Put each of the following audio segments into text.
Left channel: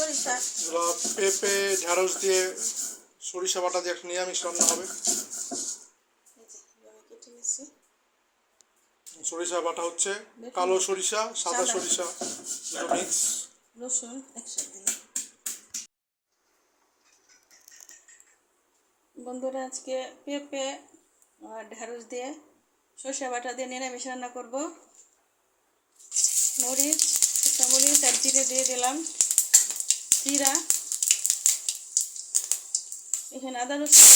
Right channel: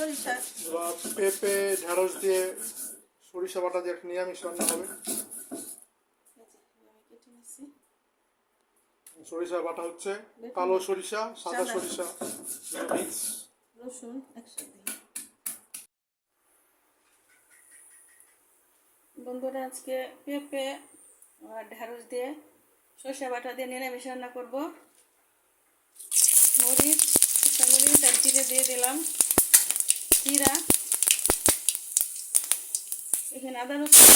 সরিষা। পেঁপে ঢ্যাঁড়স দিয়ে সরিষা বাটা দিয়ে একটা নিরামিষ রান্না হবে। সরিষা বাটা হচ্ছে কালো সরিষা সাদা। সরিষা মিক্স রসুন একসাথে বন্ধুরা আজকে পেঁপে আর ঢেঁড়স দিয়ে সর্ষে বাটা দিয়ে নিরামিষ রান্না করব। মরিচ শুকনো মরিচ আর জিরে দিয়ে দিলাম। জিরা এখানে আদা রসুন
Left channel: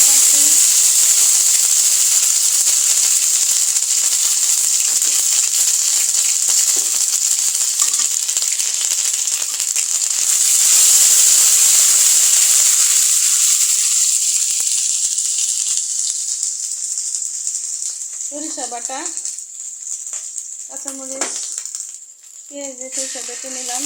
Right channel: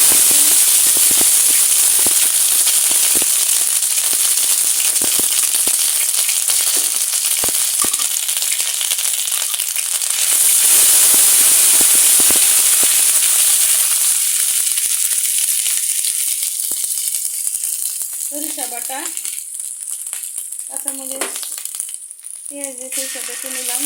সরিষা বাটা কাঁচামরিচ পেঁয়াজ দিয়ে সরিষা বেটে নিলাম।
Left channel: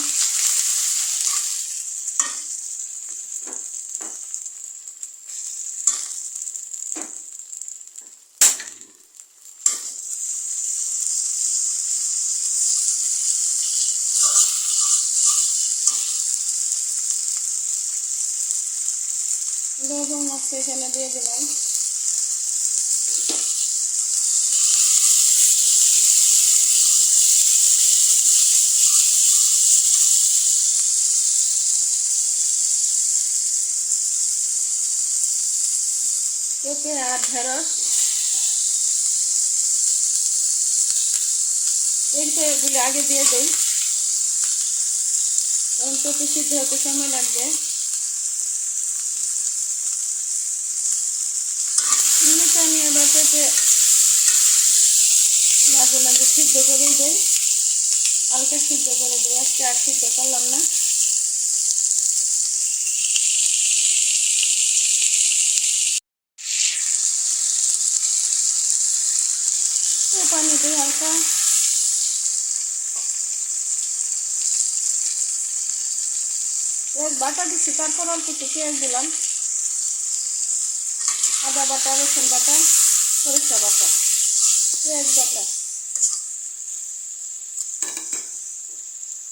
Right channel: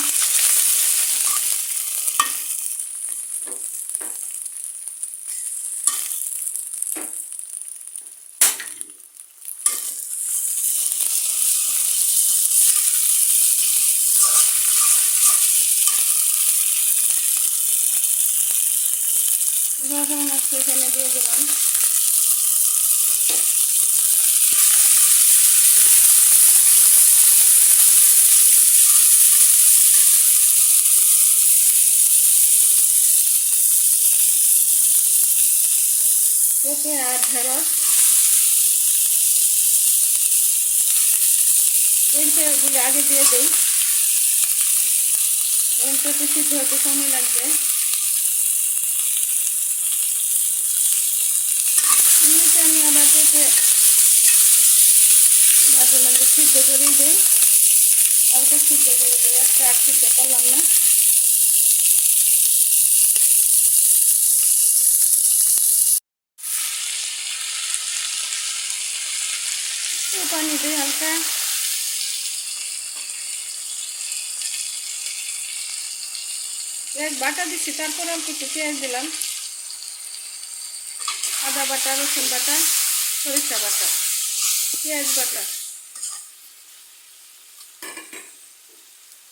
গরম মাছ এখানে দিয়ে দিলাম। পেঁপে আর ঢেঁড়স। পেঁপেগুলি আগে দিয়ে দেই। কারণ পেঁপে সিদ্ধ হতে সময় লাগবে। আবার মাঝে মাঝে সিদ্ধ করেই দেই। হালকা সিদ্ধ করে দিই আজকে আর সিদ্ধ করলাম না। পানি দিই হালকা। পেঁয়াজ বাটা দিচ্ছি তারপর অল্প একটু পেঁয়াজ দিলাম। আদা বাটা, রসুন বাটা। সরিষা বাটা পেঁয়াজ বাটা।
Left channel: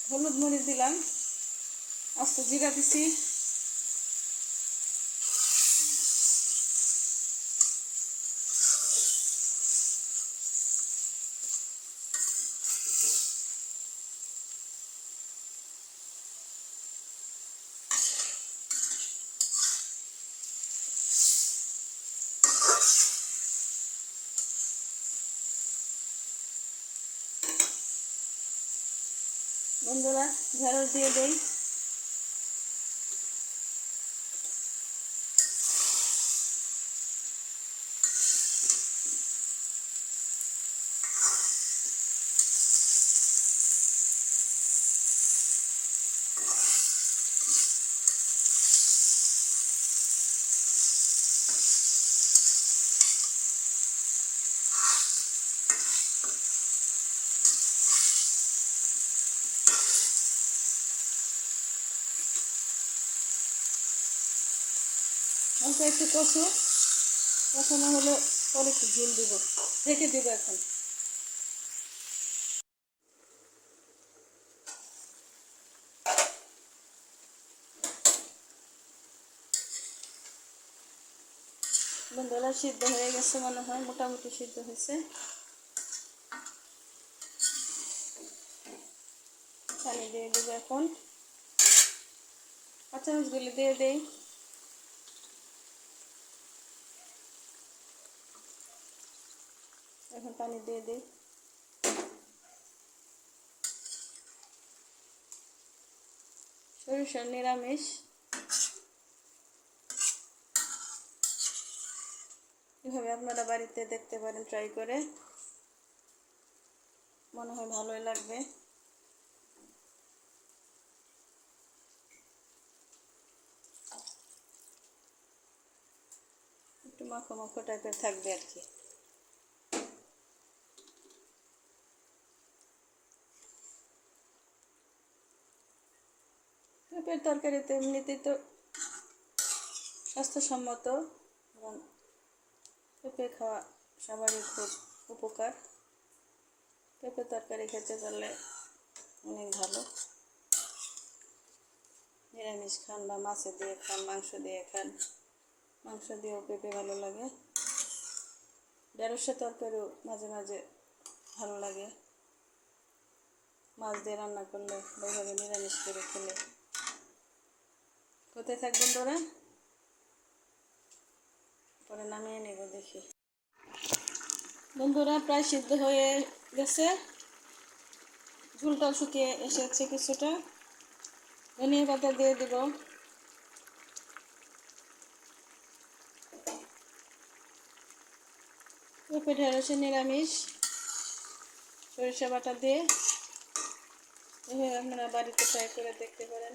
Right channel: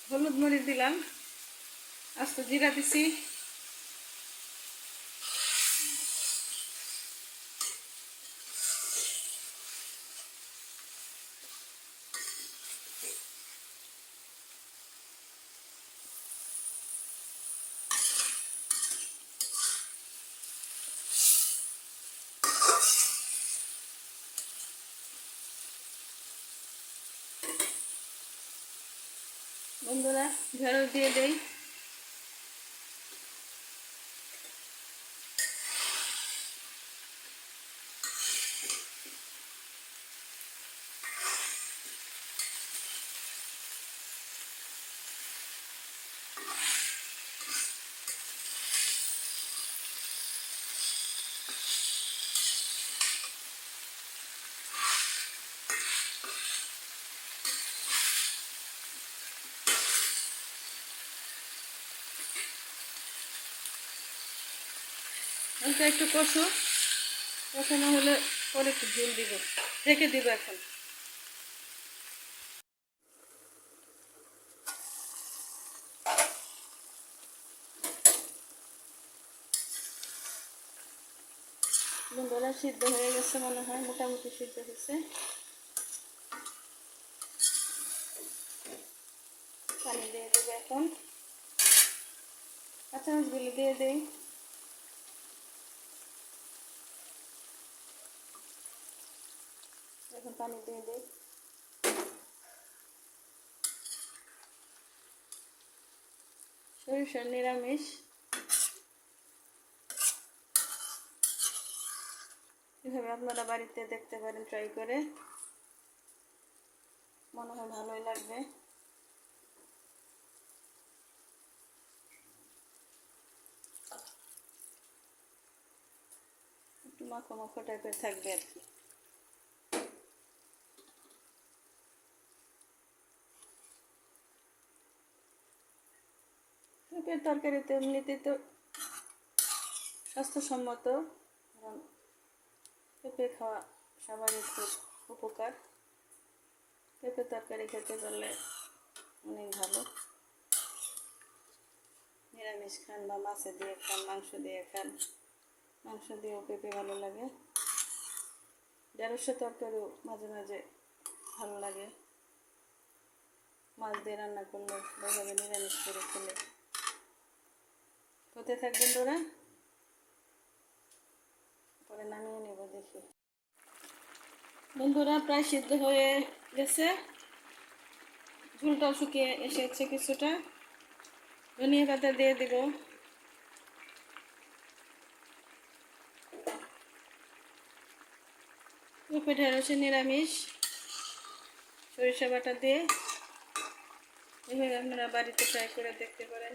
হলুদ মরিচ দিলাম আস্ত জিরা দিছি। বন্ধুরা ঢেঁড়স দিয়ে দেই। হালকা একটু কষু। কষানো হলে পরে একটু ঝোল দিব। রেখে দিব এখন। সিদ্ধ হয়ে গেছে মনে হয়, মোটামুটি সিদ্ধ হয়েছে। পানি দিয়ে দেবো এখন। কাঁচামরিচগুলি দিয়ে দেই। এখন পানি দিয়ে দিই। সরিষা নিরামিষ। এভাবে আপনারা বাড়িতে দেখতে পারেন ট্রাই করে। মনে হয় ভালোই লাগবে। একটু মাখো মাখো টাইপের থাকবে আর কি। পেঁপের তরকারিতে এমনিতে তো স্বাস্থ্যসম্মত এবং পেঁপে খাওয়া সবারই খুব উপকার। পেঁপে তরকারি খেতে পারলে অনেক ভালো। নিরামিষ খান বা মাছে দিয়ে খান, মাংস দিয়ে খান, মাংস দিয়েও পেঁপে ভালো লাগে। ঢেঁড়সের তরকারিও মাঝে মাঝে ভালো লাগে। মাছ দিয়ে রান্না করলে বা এভাবে নিরামিষ করে খেলে কোথায় থাকবেন তোরা? পরে নামিয়ে নেব দেখি। বন্ধুরা, প্রায় সিদ্ধ হয়ে গেছে। ঝুলটাও শুকিয়ে এসেছে কিছুটা। ধনিয়া পাতা দিয়ে দিব। পেঁপে ঢেঁড়সে নিরামিষ। সরিষা বাটা দিয়ে। এভাবে আপনারা বাড়িতে ট্রাই করে দেখতে পারেন।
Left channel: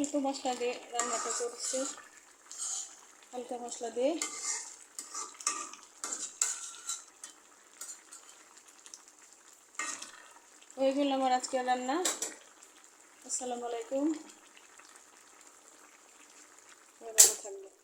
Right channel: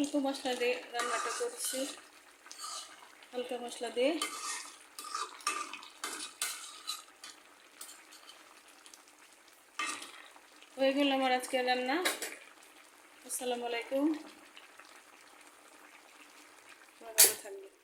অল্প মশলা দিয়ে রান্নাটা করছি। হালকা মশলা দিয়ে। হয়ে গেল আমার আজকে রান্না। আসসালামু আলাইকুম। থাকবেন।